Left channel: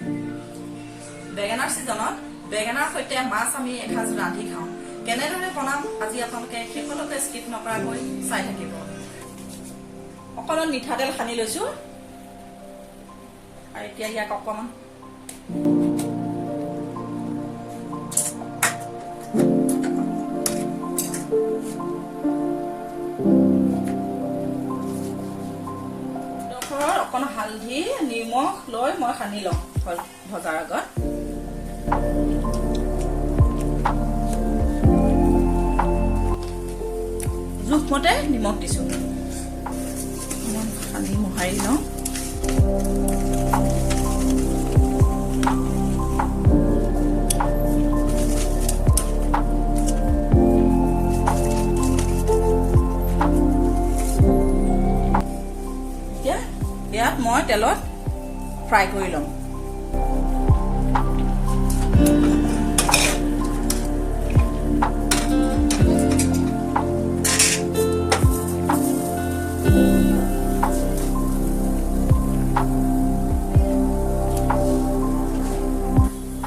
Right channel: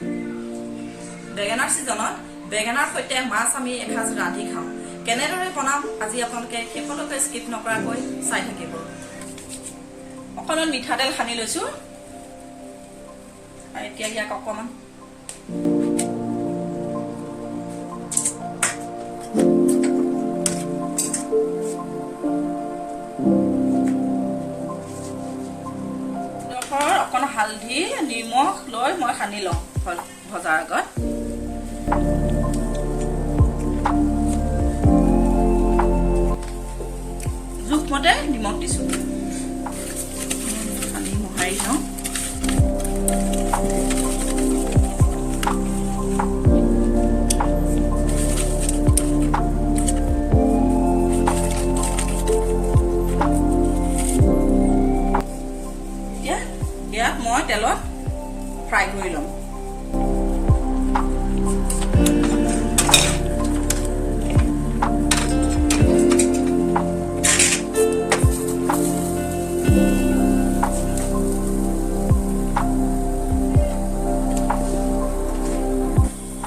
বেঙেনাৰ সিজনত বেঙেনাৰ সৈতে মাছ আমি এসাঁজ ৰান্ধি খাওঁ। কেনেদৰে বনাম আজি আপোনালোকে শেষলৈকে স্কিপ নকৰাকৈ চাই থাকিব। অকণমান মিঠাতেল সানি লৈছো আৰু এতিয়া ইয়াক অকণমান অকণ হালধি নিমখ লৈ মই সানি লওঁ ভজাৰ আগত। জোখমতে নিমখ দিছো, সানি মোহাৰি লওঁ। ইয়াত মই তেলত ফ্ৰাই কৰি লওঁ।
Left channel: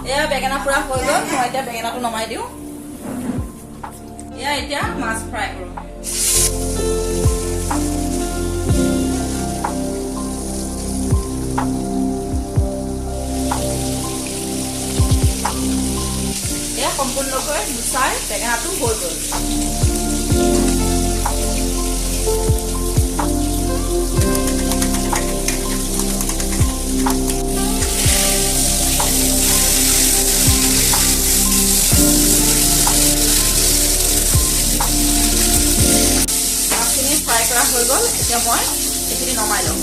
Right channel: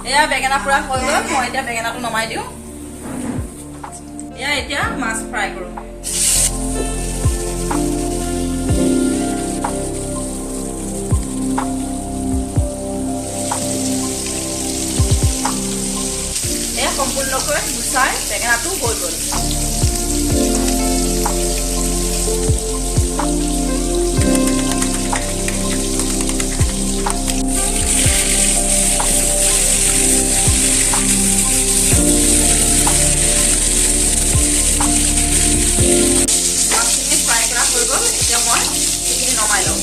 এয়া বেঙেনা পুৰা হৈ গ'ল, মই এতিয়া বেঙেনাটো নমাই দিওঁ। এয়া এতিয়া মাছ ফ্ৰাই কৰোঁ। এয়া সম্পূৰ্ণকৈ গুচাই বেঙেনাটো হৈ গ'ল। মাছখিনি ফ্ৰাই কৰা হৈ গ'ল, এতিয়া মই এইখিনি নমাই লওঁ।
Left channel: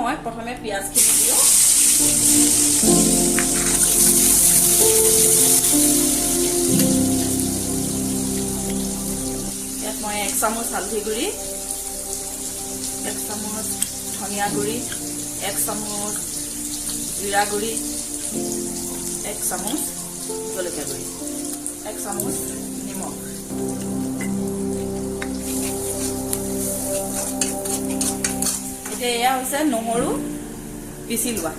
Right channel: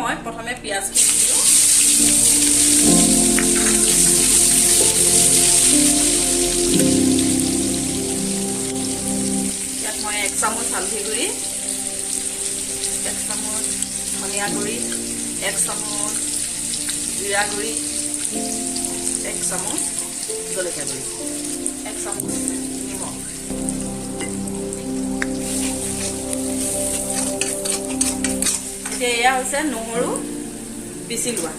মই প্ৰথমে পিঁয়াজখিনি দিওঁ। ইয়াত মই 1 চামুচ হালধি গুড়ি, 1 চামুচ ধনিয়া গুড়ি, 1 চামুচ জিৰা গুড়ি, 1 চামুচ জলকীয়া গুড়ি, 1 চামুচ নিমখ। এয়া হৈছে নহৰু পিচি লোৱা।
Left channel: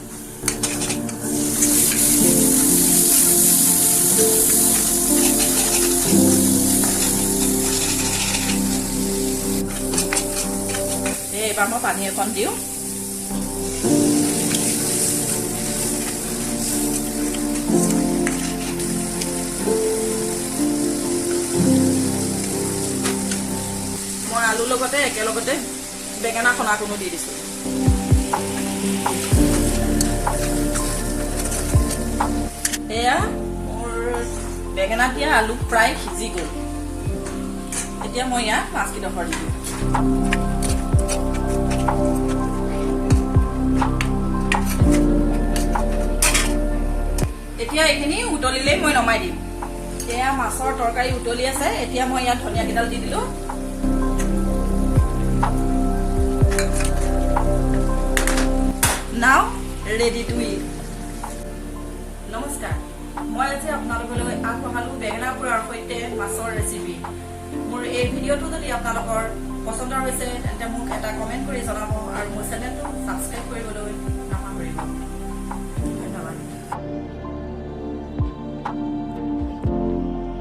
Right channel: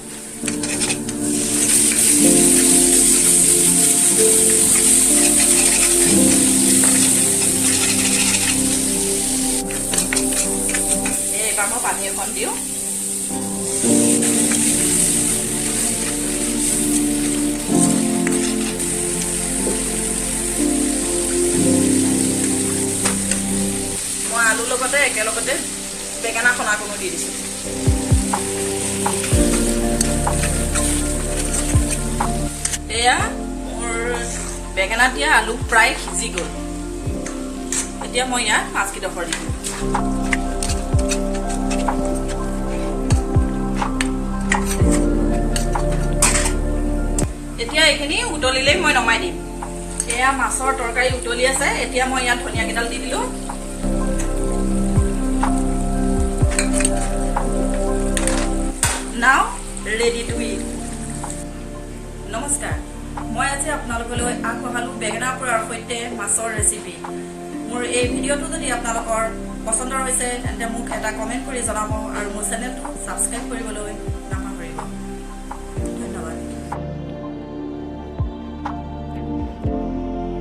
এইবাৰ মই পানী এখন দিওঁ। মই আলুৰ লগতে একেলগতে বেঙেনা খনাটো মই দি দিছো। এয়া মোৰ বেঙেনা দিয়া আলু প্ৰায় সিজি গ'ল। এতিয়া মই ইয়াত মাছকেইডোখৰ দি দিওঁ। এতিয়া এইখিনি উতলিলেই মই নমাই দিম। এয়া মাছৰ তৰকাৰী উতলি আছে। এতিয়া মই ইয়াত ধনিয়া কেইডাল দি দিলো। Now ready to eat. নমস্কাৰ, মই আজি আপোনালোকলৈ আগবঢ়ালো বেঙেনা পোৰাৰ সৈতে মাছৰ ৰেচিপি। মোৰ এই ভিডিঅ'টো যদি আপোনালোকৰ পচন্দৰ হৈছে তেন্তে মোক এটা কমেণ্ট কৰি জনাব আৰু মোৰ চেনেলটো ছাবস্ক্ৰাইব কৰিবলৈ নাপাহৰিব।